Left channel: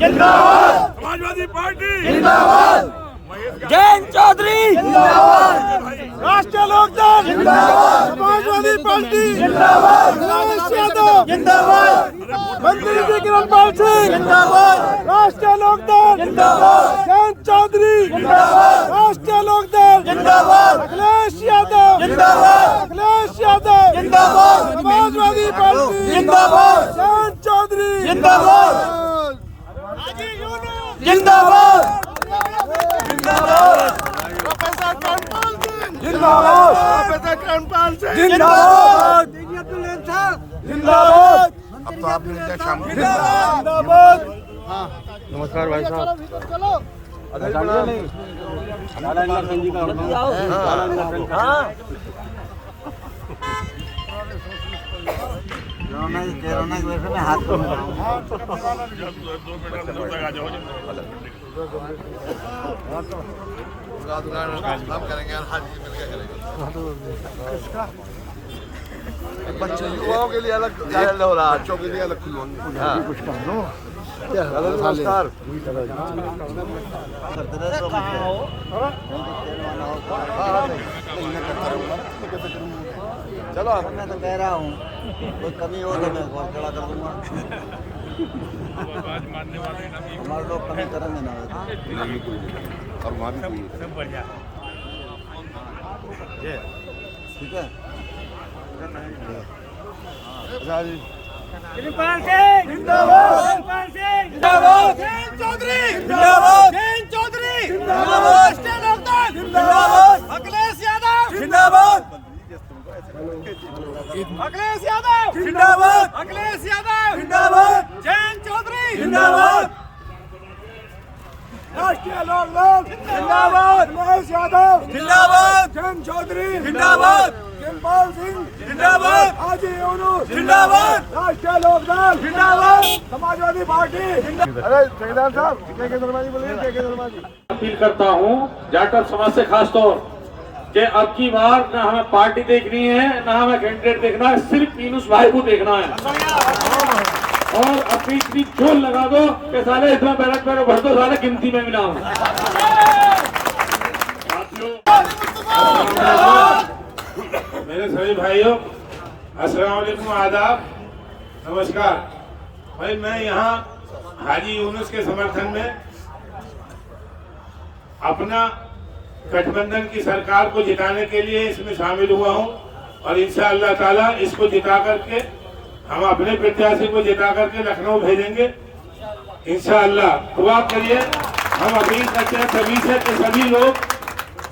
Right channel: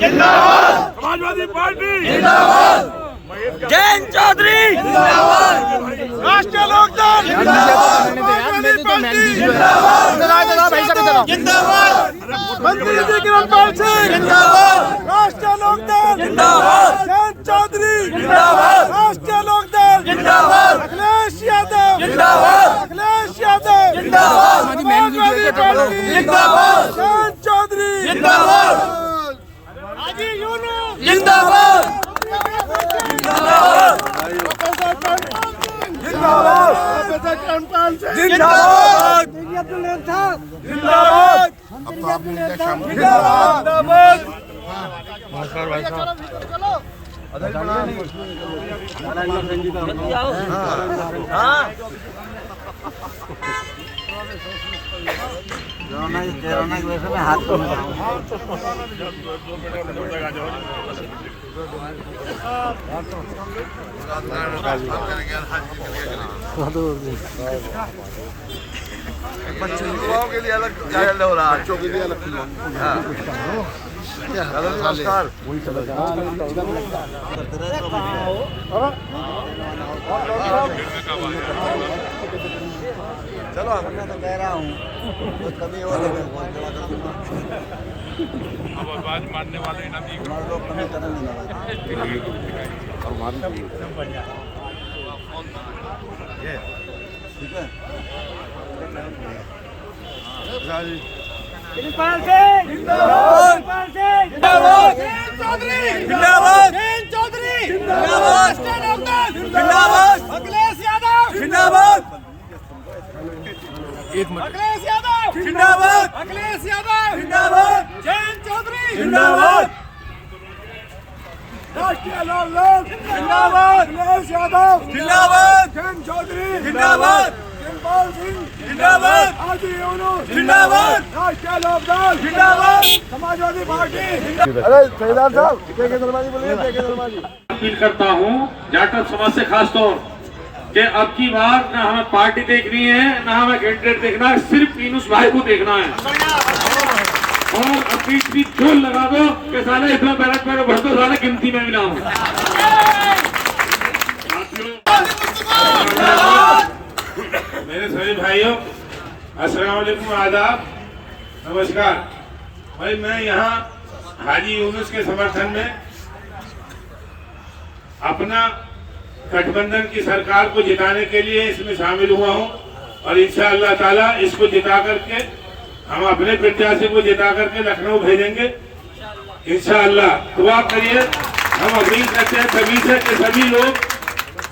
जिंदाबाद, समाजवादी पार्टी जिंदाबाद, जैन चौधरी जिंदाबाद, राष्ट्रीय लोकदल जिंदाबाद, किरणपाल सिंह जिंदाबाद, राष्ट्रीय लोकदल जिंदाबाद, जैन चौधरी जिंदाबाद, राष्ट्रीय लोकदल जिंदाबाद, अखिलेश यादव जिंदाबाद, अखिलेश यादव जिंदाबाद, समाजवादी पार्टी जिंदाबाद, जैन चौधरी जिंदाबाद, हाजी यूनुस जिंदाबाद, प्रोफेसर कर्मपाल सिंह जिंदाबाद, प्रोफेसर कर्मपाल सिंह जिंदाबाद, अब्दुल साहब जिंदाबाद, अब्दुल साहब जिंदाबाद। नमस्कार भाई साहब, हमारा कोरोना की वजह से मैं हाथ युवाओं के लिए अलग हो रहा, बच्चों के लिए अलग कुछ नमस्कार। कहाँ हो चलो, मैं तो कह रहा हूँ कुछ कमी हो लगे खड़ा कर दूंगा। अब आवाज मारने वाले ना भी लोग कमी करेंगे ना और मारी सब बढ़िया ठीक है। किरणपाल सिंह जिंदाबाद, किरणपाल सिंह जिंदाबाद, जैन चौधरी जिंदाबाद, जैन चौधरी जिंदाबाद, राष्ट्रीय लोकदल जिंदाबाद, अखिलेश यादव जिंदाबाद, अखिलेश यादव जिंदाबाद, अखिलेश यादव जिंदाबाद, जैन चौधरी जिंदाबाद, राष्ट्रीय लोकदल जिंदाबाद, अखिलेश यादव जिंदाबाद, जैन चौधरी जिंदाबाद, किरणपाल सिंह जिंदाबाद, हाजी यूनुस जिंदाबाद, राष्ट्रीय लोकदल जिंदाबाद, समाजवादी पार्टी जिंदाबाद। अरे केदार साहब अपील करता हूँ जाटव समाज से खास तौर कि अब की बार न हमें पार्टी देखनी है, न हमें कैंडिडेट देखना है, सिर्फ यूनुस भाई को देखना है। और अपनी जोर लगा दो कि साले इसमें बैरक में भर दो, साले गिनती में भी ना हो। मेरे सभी भाइयों, अस्सलाम वालेकुम, आदाब, नमस्कार। भाई मैं यहाँ हाजी यूनुस के समर्थन में अपना गठबंधन की सरकार को जिताने के लिए इसमें शामिल हुआ हूँ और इंशाअल्लाह ताला इसको जिता करके हम अपने प्रत्याशी को जिता करके लखनऊ भेजेंगे इंशाअल्लाह। दुआ करिए। हम अपील करते हैं सभी से कि सभी लोग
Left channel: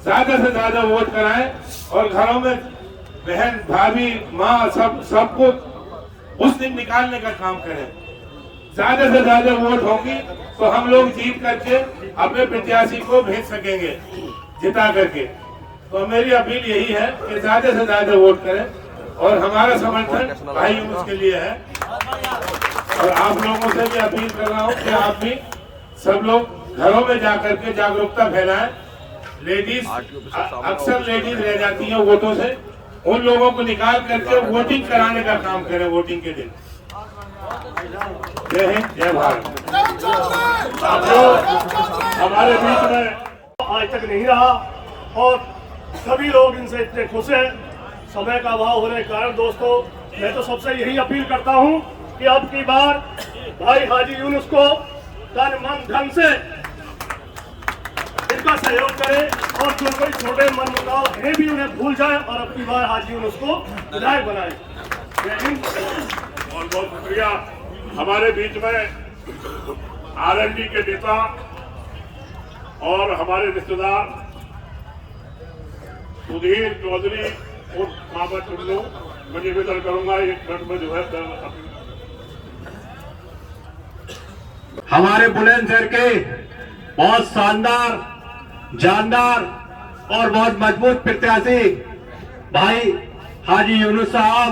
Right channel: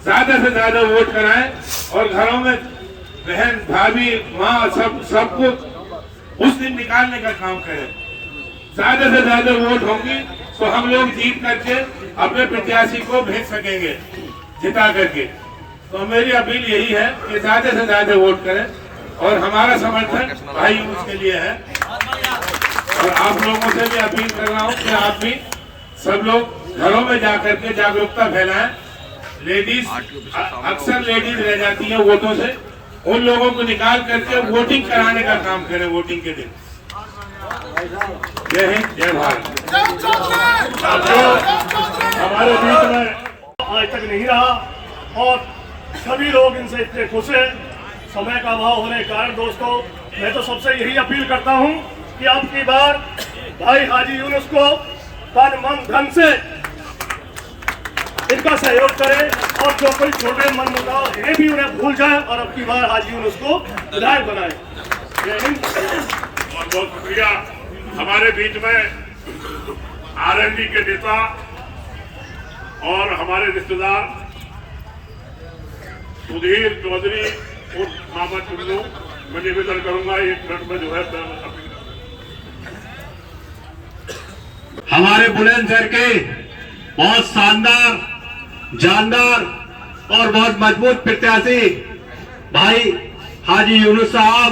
ज्यादा से ज्यादा वोट कराएं और घरों में बहन भाभी माँ सबको उस दिन निकालने का काम करें। ज्यादा से ज्यादा वोट होंगी तो हम लोग जीत करके अपने प्रत्याशी को भेज सकेंगे जिता करके। तो मेरी अपील यही है कि ज्यादा से ज्यादा वोट करें और हमारा समर्थन भाई यूनुस के लिए है। और आप लोगों से भी अपील कर रहा हूँ कि आप भी सब लोग घरों में जाकर के जागरूकता फैलाएं। लेडीज अक्सर लेडीज रह जाती हैं वोटों से, उन लोगों को निकाल करके वोटिंग कराने का काम करें वोटिंग के दिन। जय हिंद, जय भारत। हमारे बीच में आज तक नहीं रहा और सभी लोग इनसे इतने खुश हैं। समय का अभाव होने के कारण दोस्तों मैं तो सबसे यही अपील करता हूं कि अब की बार भाई हाजी यूनुस को तन मन धन से इनका सहयोग करें और जो कोई छोटे मन मुद्दा है भी उन्हें भूल जाए और अब की बार हाजी यूनुस को विधायक बनाए। बहुत बहुत शुक्रिया। हमारे बीच में आरएलडी के नेता और हमारे रिश्तेदार सुधीर चौधरी और मामा टुल्लू, मैं निवेदन करूंगा एक मिनट में जो है हमारे बुलंदशहर के बहुत शानदार, जानदार और बहुत मजबूत प्रत्याशी भाई हाजी यूनुस साहब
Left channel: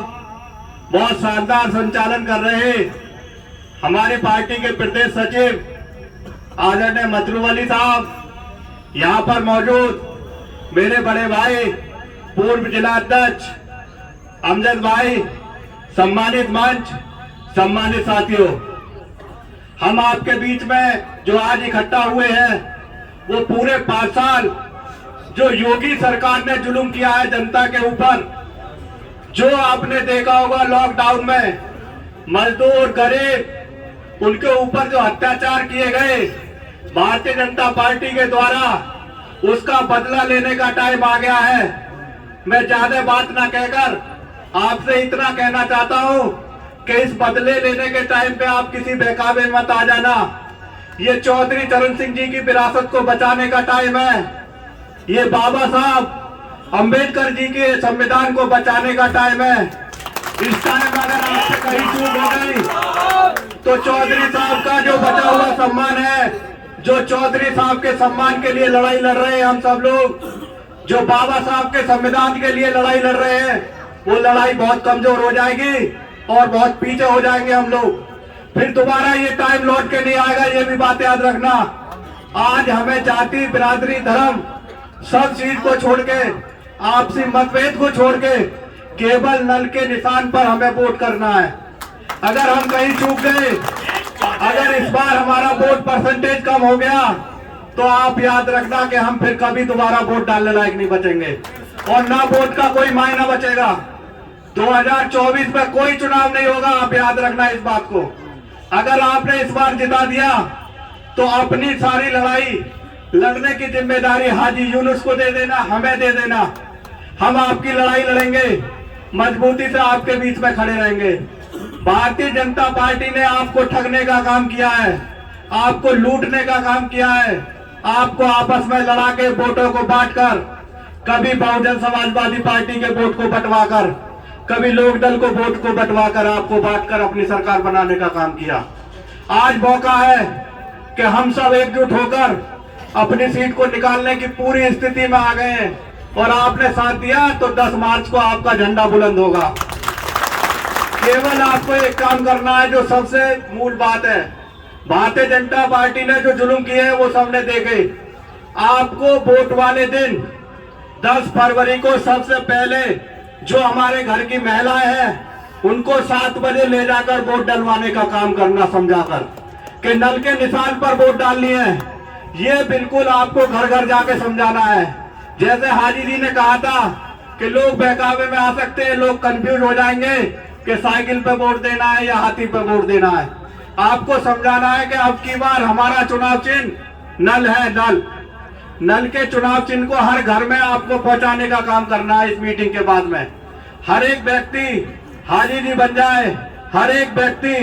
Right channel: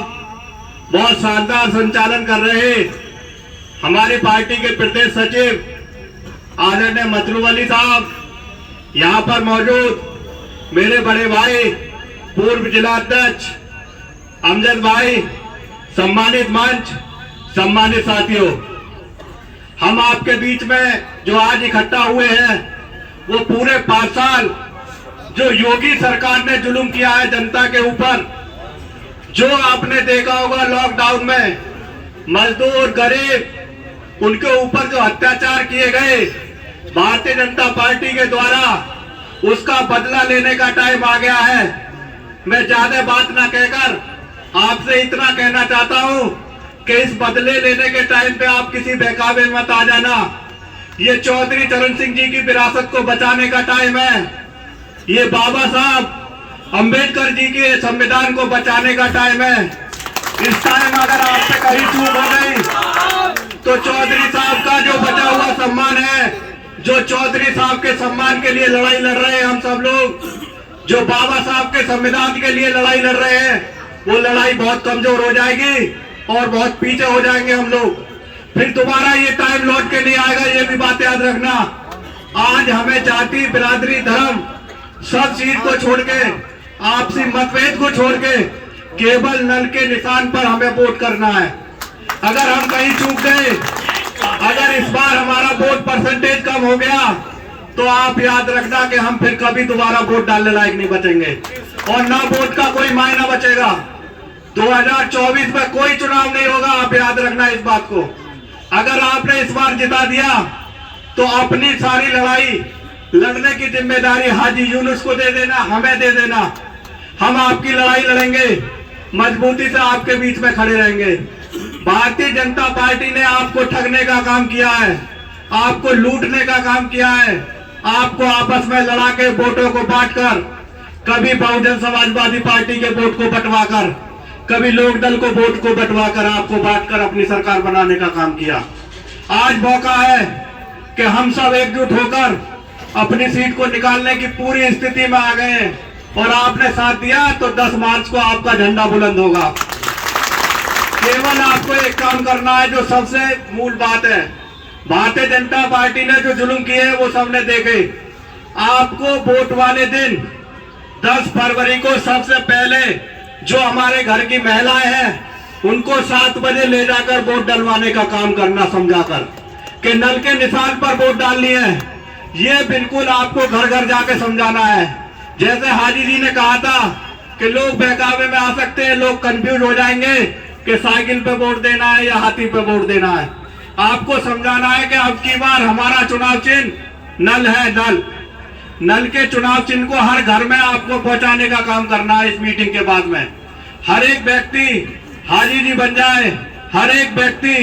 बहुत शानदार संचालन कर रहे हैं। हमारी पार्टी के प्रदेश सचिव आदरणीय मतलूब अली साहब, यहाँ पर मौजूद मेरे बड़े भाई पूर्व जिला अध्यक्ष अमजद भाई, सम्मानित मंच, सम्मानित साथियों, हम आपके बीच में जो आज इकट्ठा हुए हैं वो पूरे 5 साल जो योगी सरकार ने जुल्म किया है जनता के ऊपर, जो आपने देखा होगा लॉकडाउन में मजदूर गरीब उनके ऊपर जो अत्याचार किए गए भारतीय जनता पार्टी के द्वारा, उसका बदला लेने का टाइम आ गया है। मैं ज्यादा बात ना कहकर आपसे इतना कहना चाहता हूं कि इस बदले लेने के टाइम पे आप किसी बहकावे में मत आ जाना। ये चौधरी चरण सिंह जी की विरासत को बचाने का टाइम है। ये बाबा साहब अंबेडकर जी के संविधान को बचाने का टाइम है। इस टाइम अगर आपसे कहीं चूक हो गई तो चौधरी साहब का जो बचा हुआ सम्मान है, जो चौधरी साहब के सम्मान के लिए लड़ाई लड़ रहे हैं हम सब लोग, जो बाबा साहब के संविधान के लिए लड़ाई लड़ रहे हैं, वो लड़ाई बहुत कमजोर हो जाएगी और बहुत पीछे हो जाएंगे हम लोग। फिर दोबारा ये टाइम लौट के नहीं आएगा, ये भी बात याद रखना। आज हमें जाति बिरादरी धर्म सब चीज को छोड़ के, आपसी मतभेद को छोड़ के केवल नल के निशान पर हमें वोट करना है। अगर हम कहीं चूक गए, अगर इस बार हमारा वोट परसेंटेज कम हो गया तो आप याद रखना कि हम फिर कभी दोबारा वोट डालने लायक नहीं बचेंगे और ना वोट का कोई मायना बचेगा। 2024 में कोई चुनाव नहीं होगा, आप याद रखना इस बात को। अगर आपने इस बार जिता दिया तो अपनी सारी लड़ाई लड़ने की जिम्मेदारी हाजी यूनुस को दे देना, हमें दे देना। हम आपकी लड़ाई लड़ेंगे, मजबूती से आपके बीच में खड़े रहेंगे। भारतीय जनता पार्टी ने आपको ठगने का काम किया है, आपको लूटने का काम किया है, आपको आपस में लड़ा के वोटों को बांटकर, कभी बहुजन समाजवादी पार्टी के वोट को बंटवाकर, कभी लोक दल को वोट को बंटवाकर आपको बांटकर अपनी सरकार बनाने का काम किया। आज मौका है कि हम सब एकजुट होकर अपनी सीट को निकालने की पूरी स्थिति में आ गए हैं और आपने साथ दिया तो 10 मार्च को आपका झंडा बुलंद होगा। केवल आपको एक काम करना है, जो सबसे मूल बात है। भारतीय जनता पार्टी ने जो जुल्म किए वो सबने देखे। आपको वोट वाले दिन 10 फरवरी को सबसे पहले जो हमारे घर की महिलाएं हैं उनको 7 बजे ले जाकर वोट डलवाने का काम करना, समझाकर कि नल के निशान पर वोट डालनी है। ये बिल्कुल आपको घर घर जाके समझाना है। जैसे हाजी जी ने कहा था कि लोग बहकावे में आ सकते हैं, लोग कंफ्यूज हो जाएंगे कि साइकिल पे वोट देना है या हाथी पे वोट देना है। आपको समझाना है कि अब की बार हमारा चुनाव चिन्ह नल है, नल। नल के चुनाव चिन्ह को हर घर में आपको पहुंचाने का काम करना है। इस मीटिंग के बाद में हर एक व्यक्ति हाजी जी बन जाए, हर एक व्यक्ति